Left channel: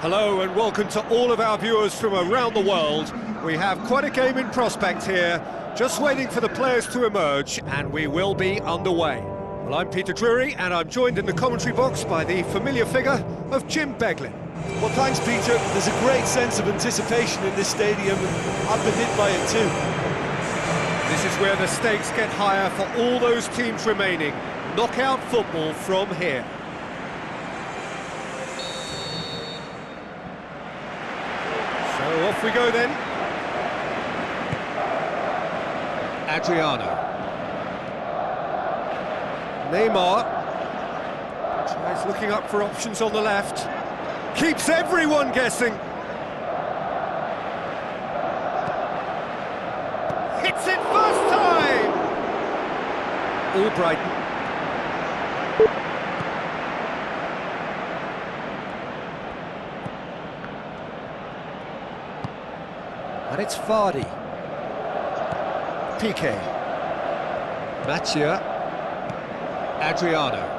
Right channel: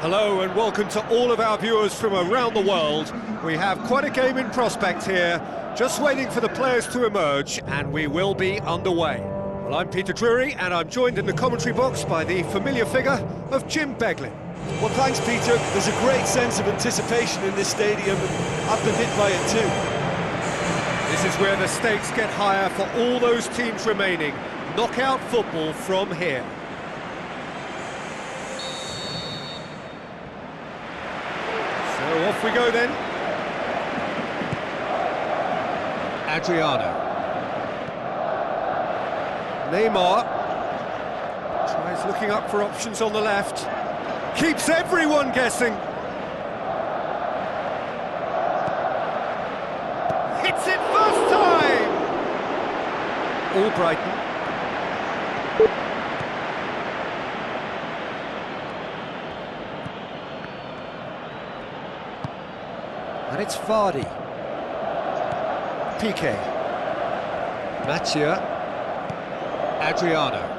Hello and welcome to all of our viewers from around the world. We have quite a game in prospect here, just waiting for the players to emerge, and we will be underway. Well, I'm Peter Drury, and I'm joined in the commentary box by the familiar figure of Jim Beglin. Well, thanks, Peter. There's a great sense of anticipation in this stadium, and I've been hit by it too. This is where the stakes get higher for all those teams remaining. Knockout football from here. So off we go then. Adriano. Neymar. Tries looking up for options on the left. Keeps everyone guessing. Hits it first time! Albrighton. And it's Vardy. Piqué. Mathieu. Adriano.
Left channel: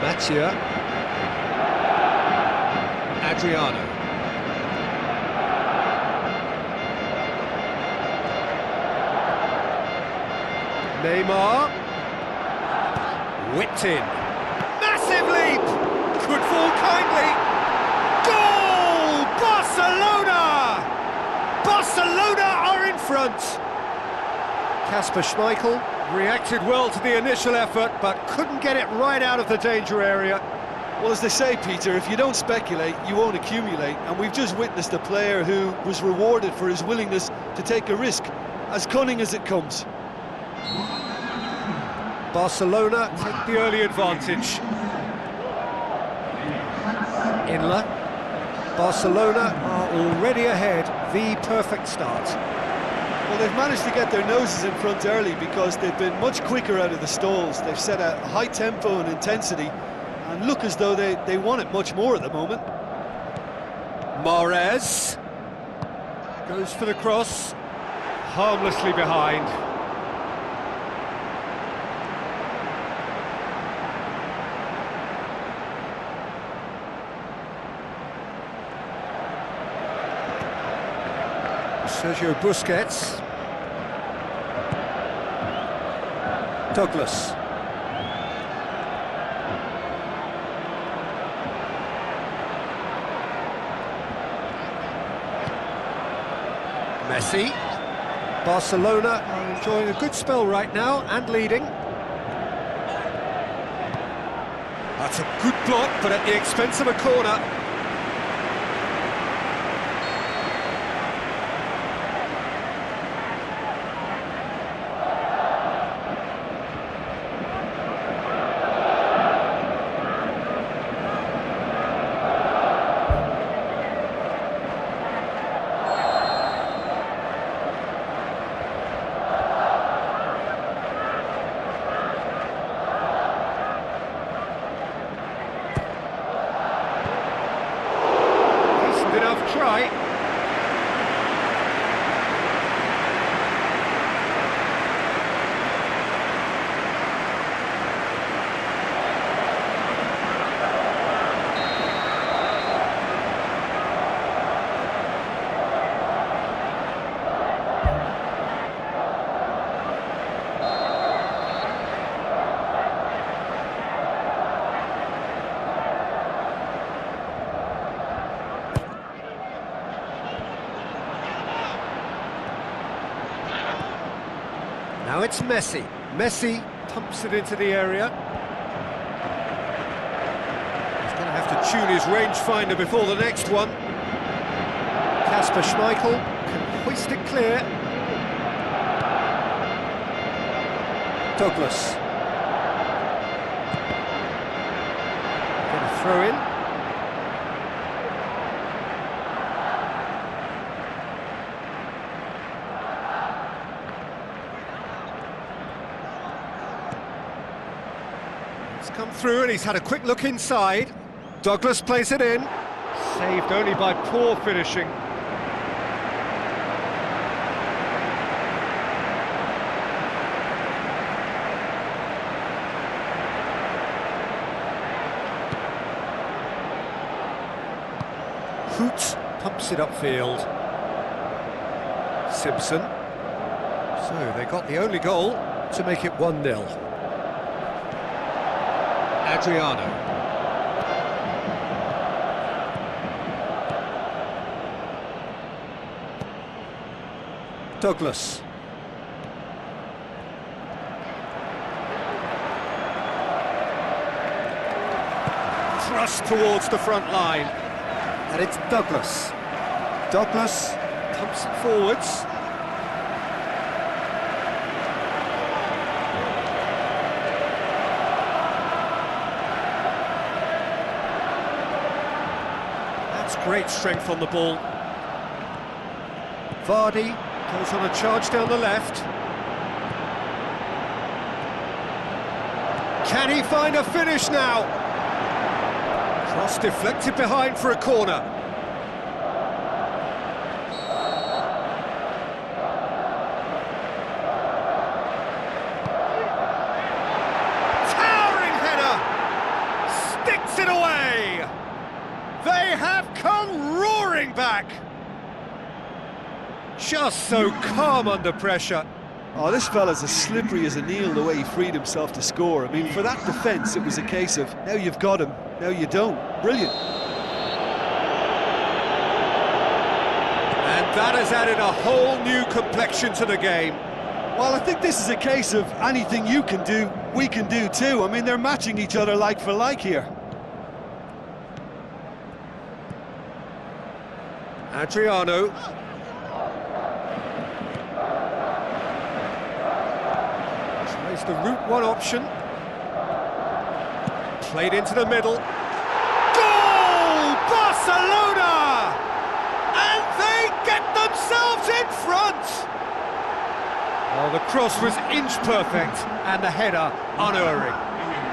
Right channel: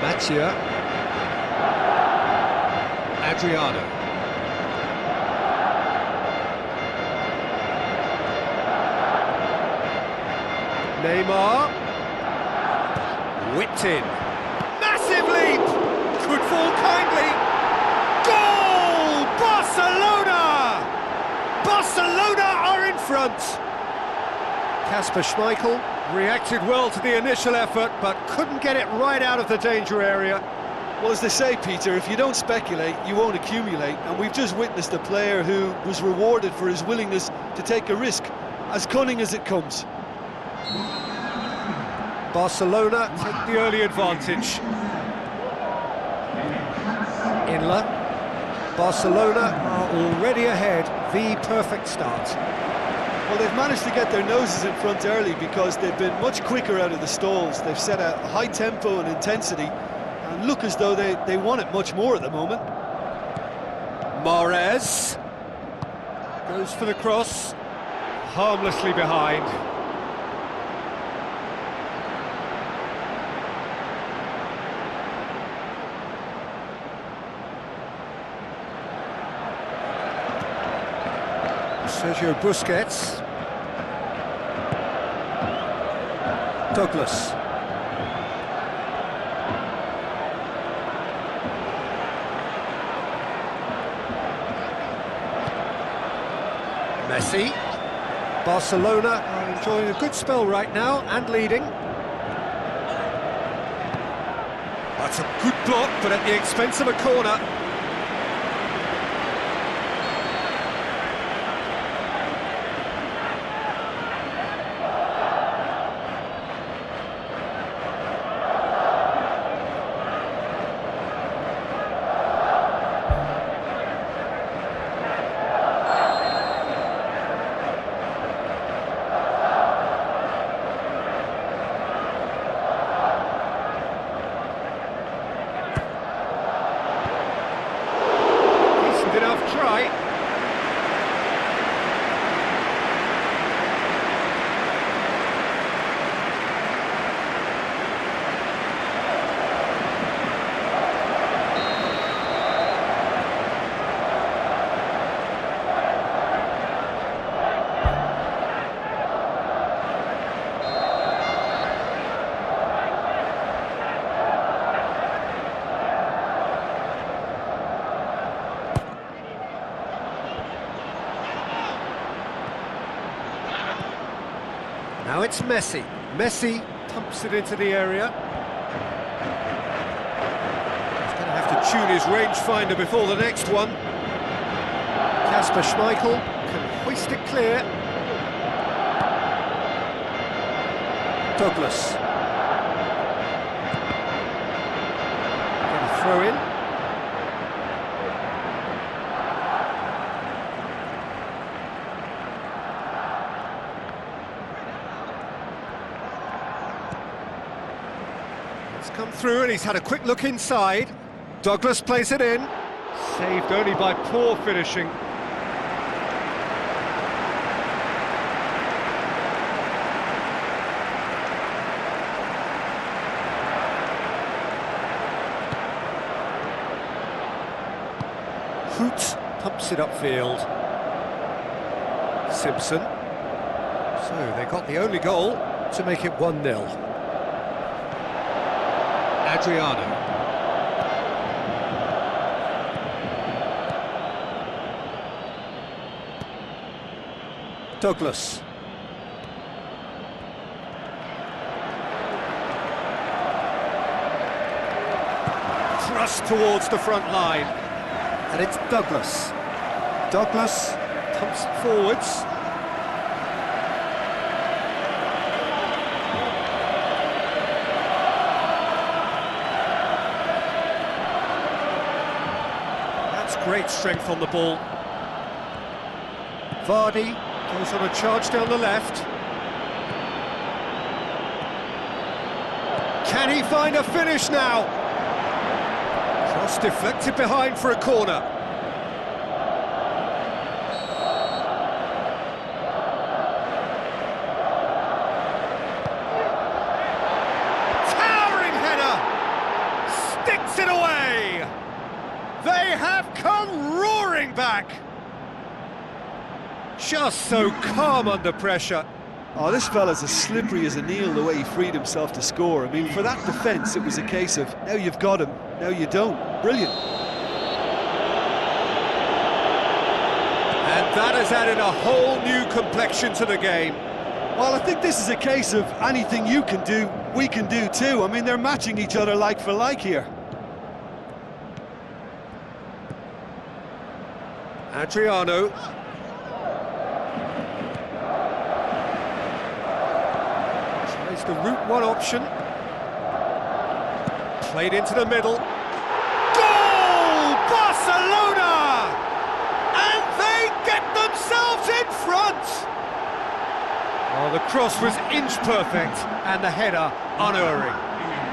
Mathieu. Adriano. Neymar. Whipped in. Massive leap! Could fall kindly. Goal! Barcelona! Barcelona are in front. Kasper Schmeichel reacted well to the initial effort, but couldn't get it right out of the danger area. Well, as they say, Peter, if you don't speculate, you won't accumulate, and we've just witnessed a player who was rewarded for his willingness to take a risk, as cunning as it comes. Barcelona take the early advantage. Inler. Barcelona are already ahead, the perfect start. Well, they've managed to get their noses in front early because they've been much quicker out of the stalls. They've set a high tempo and intensity, and look as though they want it much more at the moment. Mahrez goes for the cross, harmlessly behind. Sergio Busquets. Douglas. Messi. Barcelona are enjoying a good spell right now and leading. That's a good block, but at the expense of a corner. Enough try. Now it's Messi. Messi pumps it into the area. He's going to have to tune his rangefinder before the next one. Kasper Schmeichel can hoist it clear. Douglas. Get a throw in. It's come through and he's had a quick look inside. Douglas plays it in. Saved only by poor finishing. Hoot pumps it upfield. Simpson. So they got the only goal to make it 1-0. Adriano. Douglas. Thrust towards the front line. And it's Douglas. Douglas pumps it forwards. That's great strength on the ball. Vardy goes on a charge down the left. Can he find a finish now? Cross deflected behind for a corner. Towering header! Sticks it away! They have come roaring back! Just so calm under pressure. Oh, this fella's as slippery as an eel the way he freed himself to score. I mean, for that defence, it was a case of, now you've got him, now you don't. Brilliant. And that has added a whole new complexion to the game. Well, I think this is a case of anything you can do, we can do too. I mean, they're matching each other like for like here. Adriano. Tries the route one option. Played into the middle. Goal! Barcelona! And they get themselves in front! Oh, the cross was inch perfect and the header unerring.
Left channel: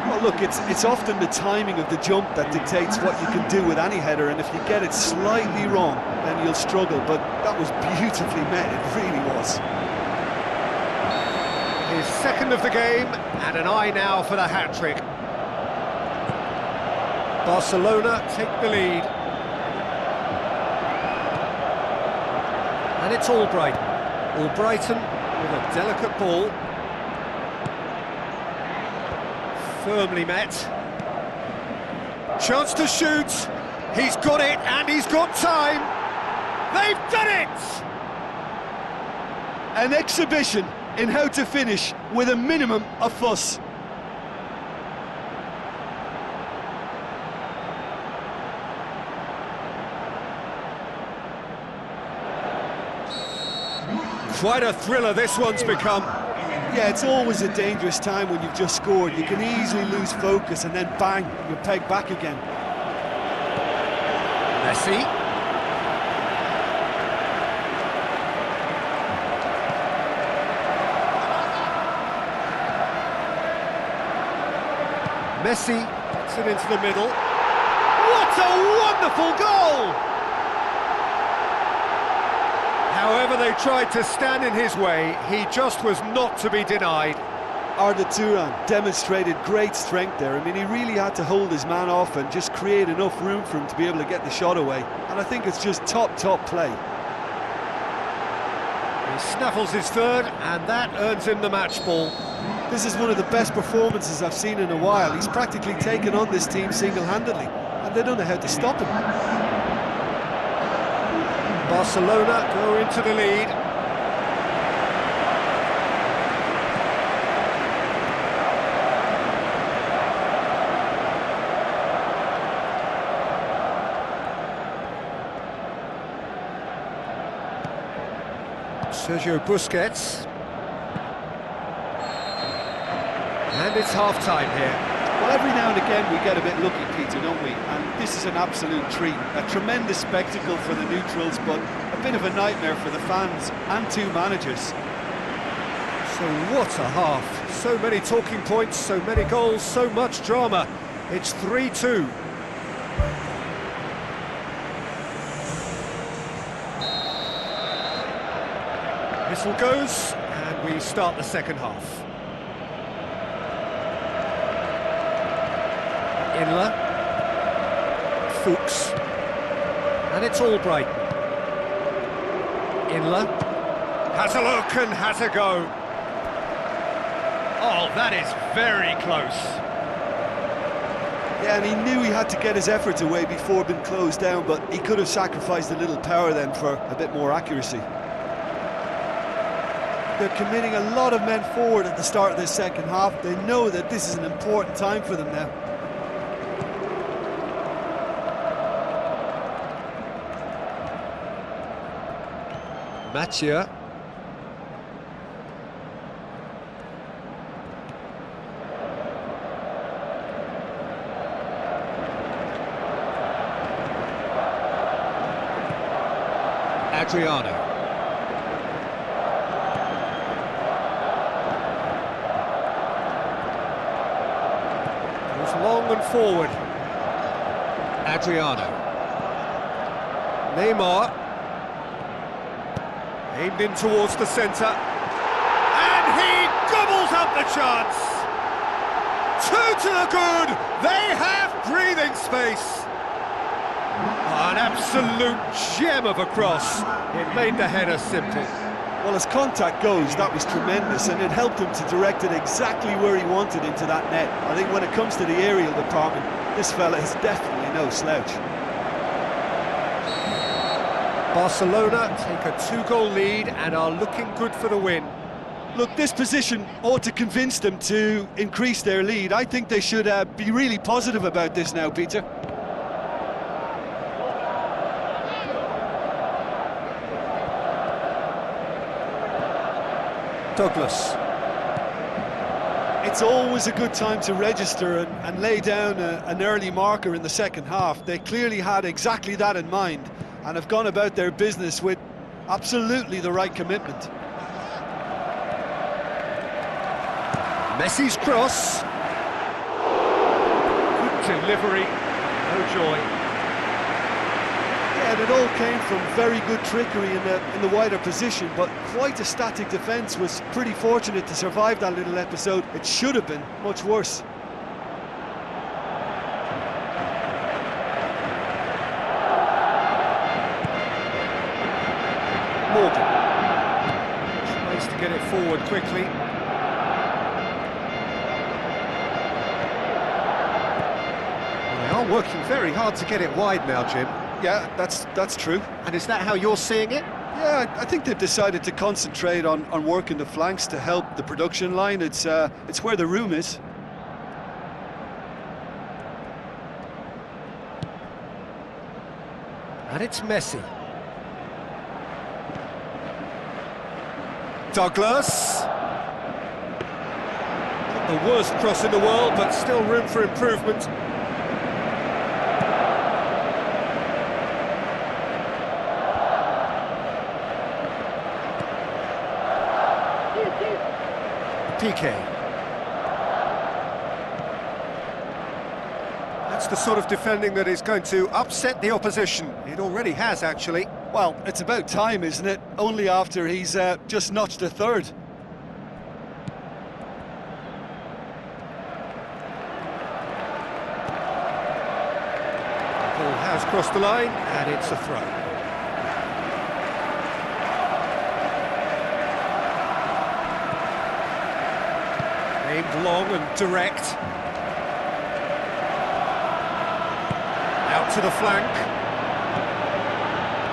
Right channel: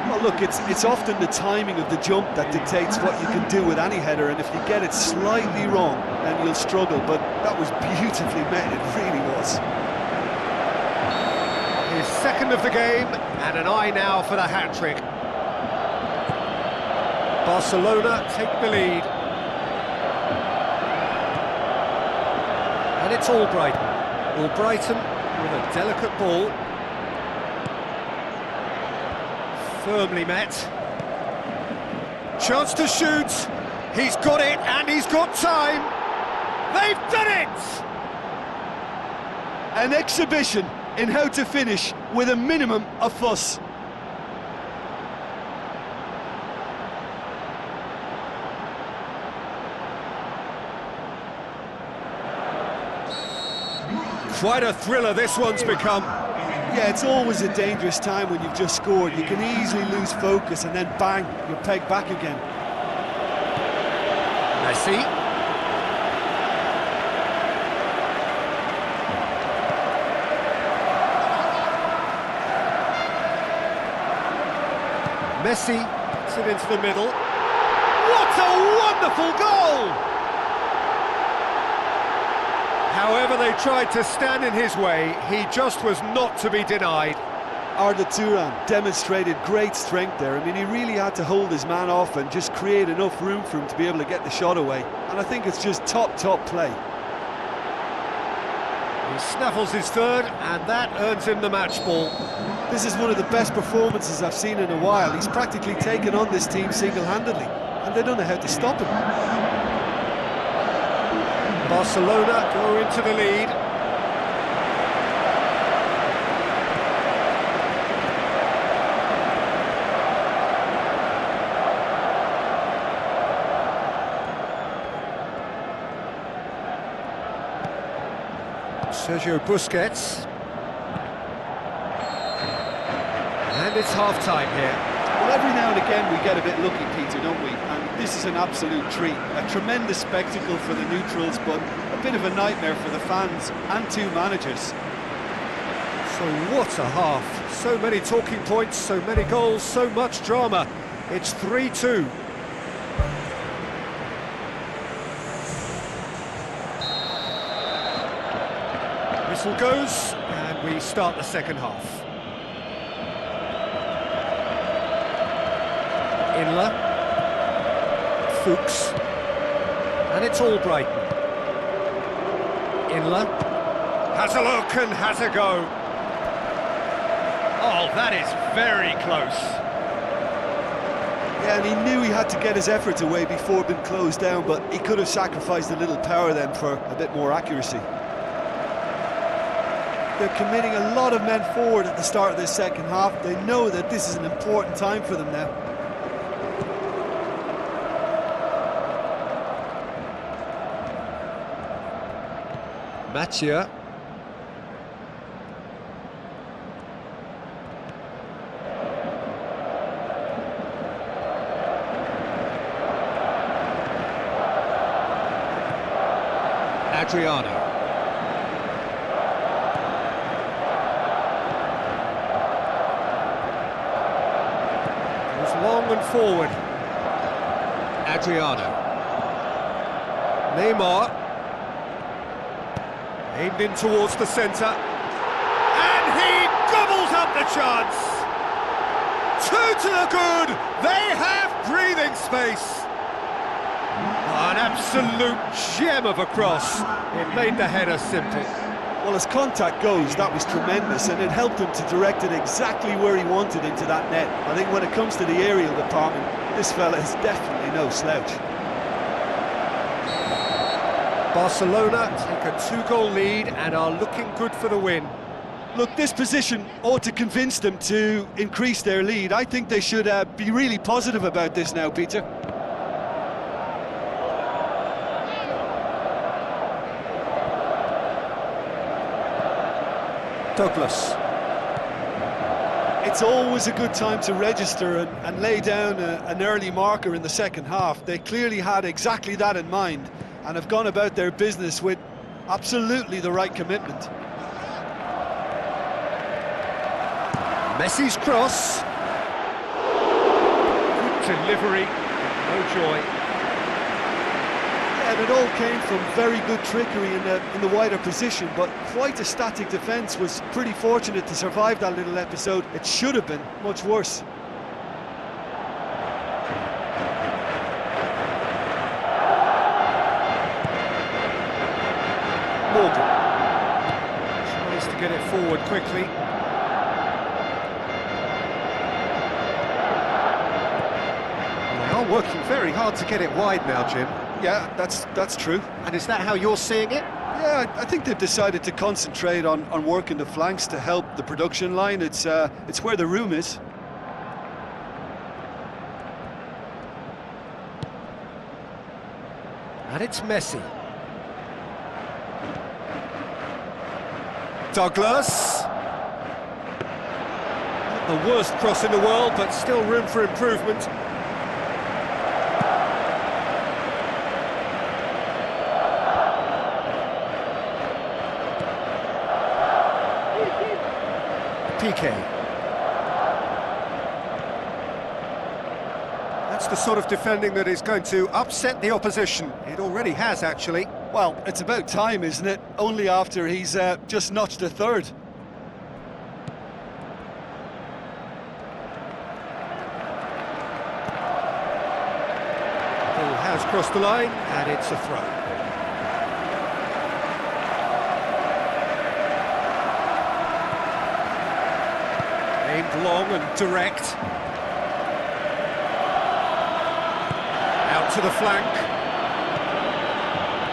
Well, look, it's often the timing of the jump that dictates what you can do with any header, and if you get it slightly wrong, then you'll struggle, but that was beautifully met, it really was. His second of the game, and an eye now for the hat-trick. Barcelona take the lead. And it's Albrighton. Albrighton with a delicate ball. Firmly met. Chance to shoot. He's got it, and he's got time. They've done it! An exhibition in how to finish with a minimum of fuss. Quite a thriller this one's become. Yeah, it's always a dangerous time when you've just scored. You can easily lose focus and then bang, you're pegged back again. Messi. Messi puts it into the middle. What a wonderful goal! However they tried to stand in his way, he just was not to be denied. Arda Turan demonstrated great strength there. I mean, he really had to hold his man off and just create enough room for him to be able to get the shot away. And I think it's just top play. He snaffles his third, and that earns him the match ball. This is one of the best performances I've seen in a while. He's practically taken on this team single-handedly, and they don't know how to stop him. Barcelona go into the lead. Sergio Busquets. And it's half-time here. Well, every now and again we get a bit lucky, Peter, don't we? And this is an absolute treat. A tremendous spectacle for the neutrals, but a bit of a nightmare for the fans and two managers. So what a half. So many talking points, so many goals, so much drama. It's 3-2. Whistle goes, and we start the second half. Inler, Fuchs, and it's all Brighton. Inler has a look and has a go. Oh, that is very close. Yeah, and he knew he had to get his efforts away before being closed down, but he could have sacrificed a little power then for a bit more accuracy. They're committing a lot of men forward at the start of this second half. They know that this is an important time for them now. Mathieu. Adriano. Goes long and forward. Adriano. Neymar. Aimed in towards the centre. And he gobbles up the chance! Two to the good! They have breathing space! An absolute gem of a cross. It made the header simple. Well, as contact goes, that was tremendous, and it helped him to direct it exactly where he wanted into that net. I think when it comes to the aerial department, this fella is definitely no slouch. Barcelona take a 2-goal lead and are looking good for the win. Look, this position ought to convince them to increase their lead. I think they should be really positive about this now, Peter. Douglas. It's always a good time to register and lay down an early marker in the second half. They clearly had exactly that in mind and have gone about their business with absolutely the right commitment. Messi's cross. Good delivery, no joy. Yeah, and it all came from very good trickery in the wider position, but quite a static defence. Was pretty fortunate to survive that little episode. It should have been much worse. Morgan tries to get it forward quickly. Well, they are working very hard to get it wide now, Jim. Yeah, that's true. And is that how you're seeing it? Yeah, I think they've decided to concentrate on working the flanks to help the production line. It's where the room is. And it's Messi. Douglas. Not the worst cross in the world, but still room for improvement. PK. That's the sort of defending that is going to upset the opposition. It already has, actually. Well, it's about time, isn't it? Only after he's just notched a third. The ball has crossed the line, and it's a throw. Aimed long and direct. Out to the flank.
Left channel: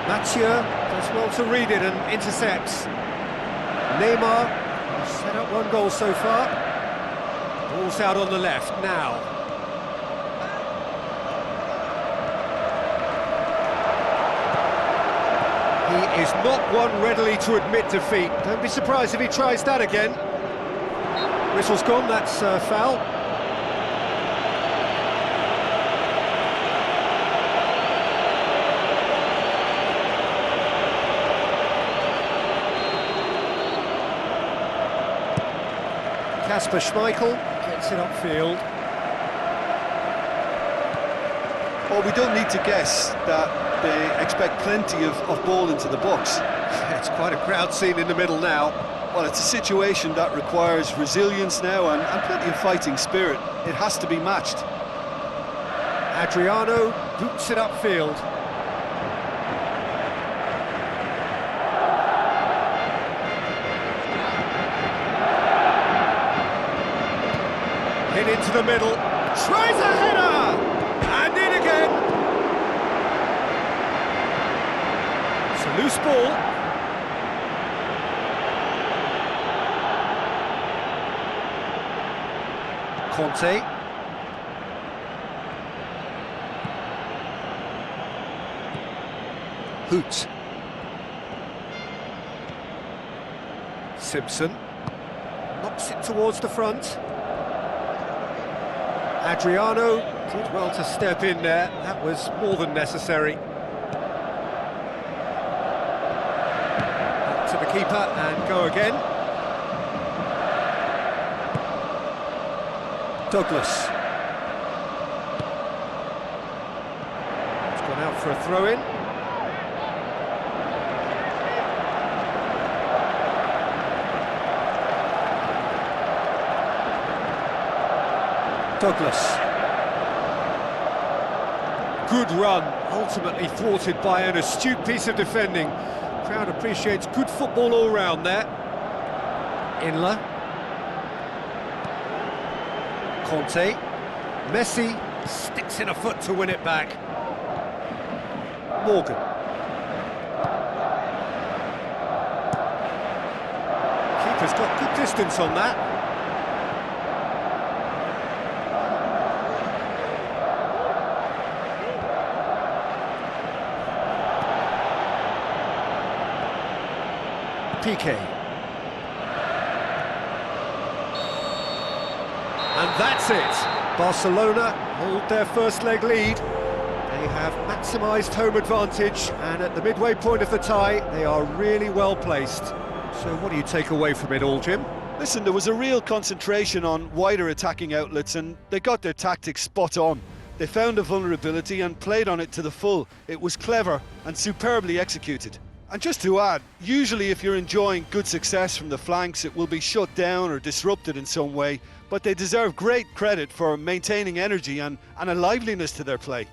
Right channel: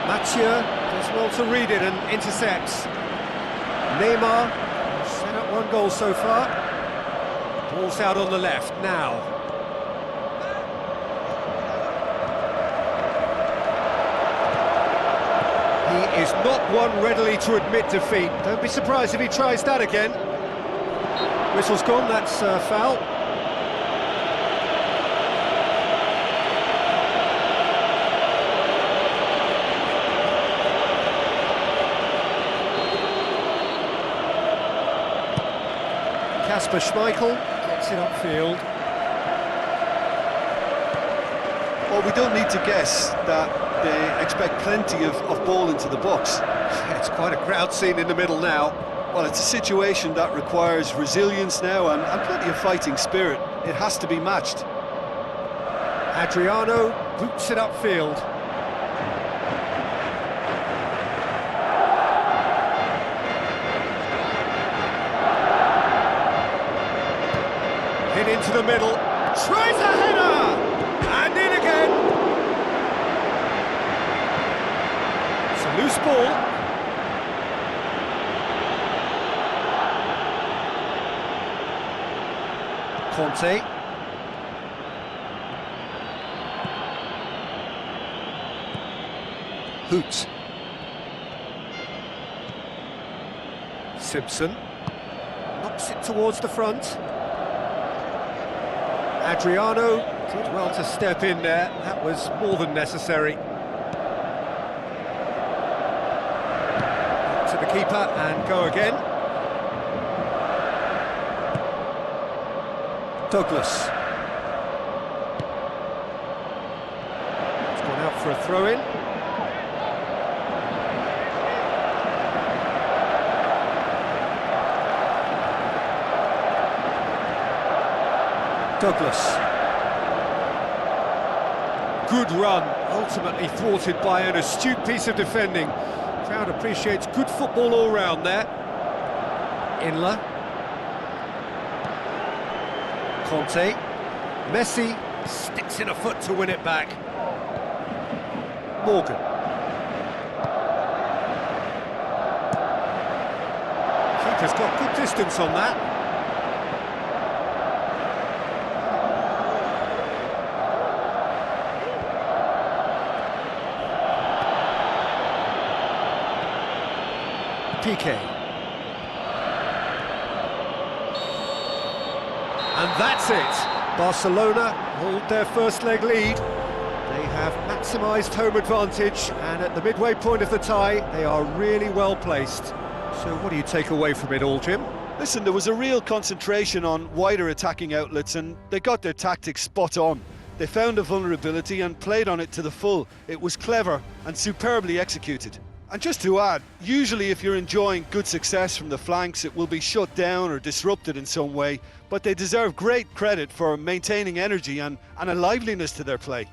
Mathieu does well to read it and intercepts. Neymar has set up one goal so far. Ball's out on the left now. He is not one readily to admit defeat. Don't be surprised if he tries that again. Whistle's gone, that's foul. Kasper Schmeichel gets it upfield. Well, we don't need to guess that they expect plenty of ball into the box. Yeah, it's quite a crowd scene in the middle now. Well, it's a situation that requires resilience now and plenty of fighting spirit. It has to be matched. Adriano boots it upfield. Hit into the middle, tries a header, and in again. It's a loose ball. Conte. Hoot. Simpson knocks it towards the front. Adriano did well to step in there, that was more than necessary. Back to the keeper and go again. Douglas. It's gone out for a throw-in. Douglas. Good run, ultimately thwarted by an astute piece of defending. Crowd appreciates good football all round there. Inler. Conte. Messi sticks in a foot to win it back. Morgan. Keeper's got good distance on that. PK. And that's it. Barcelona hold their first leg lead. They have maximised home advantage, and at the midway point of the tie, they are really well placed. So what do you take away from it all, Jim? Listen, there was a real concentration on wider attacking outlets, and they got their tactics spot on. They found a vulnerability and played on it to the full. It was clever and superbly executed. And just to add, usually if you're enjoying good success from the flanks, it will be shut down or disrupted in some way, but they deserve great credit for maintaining energy and a liveliness to their play.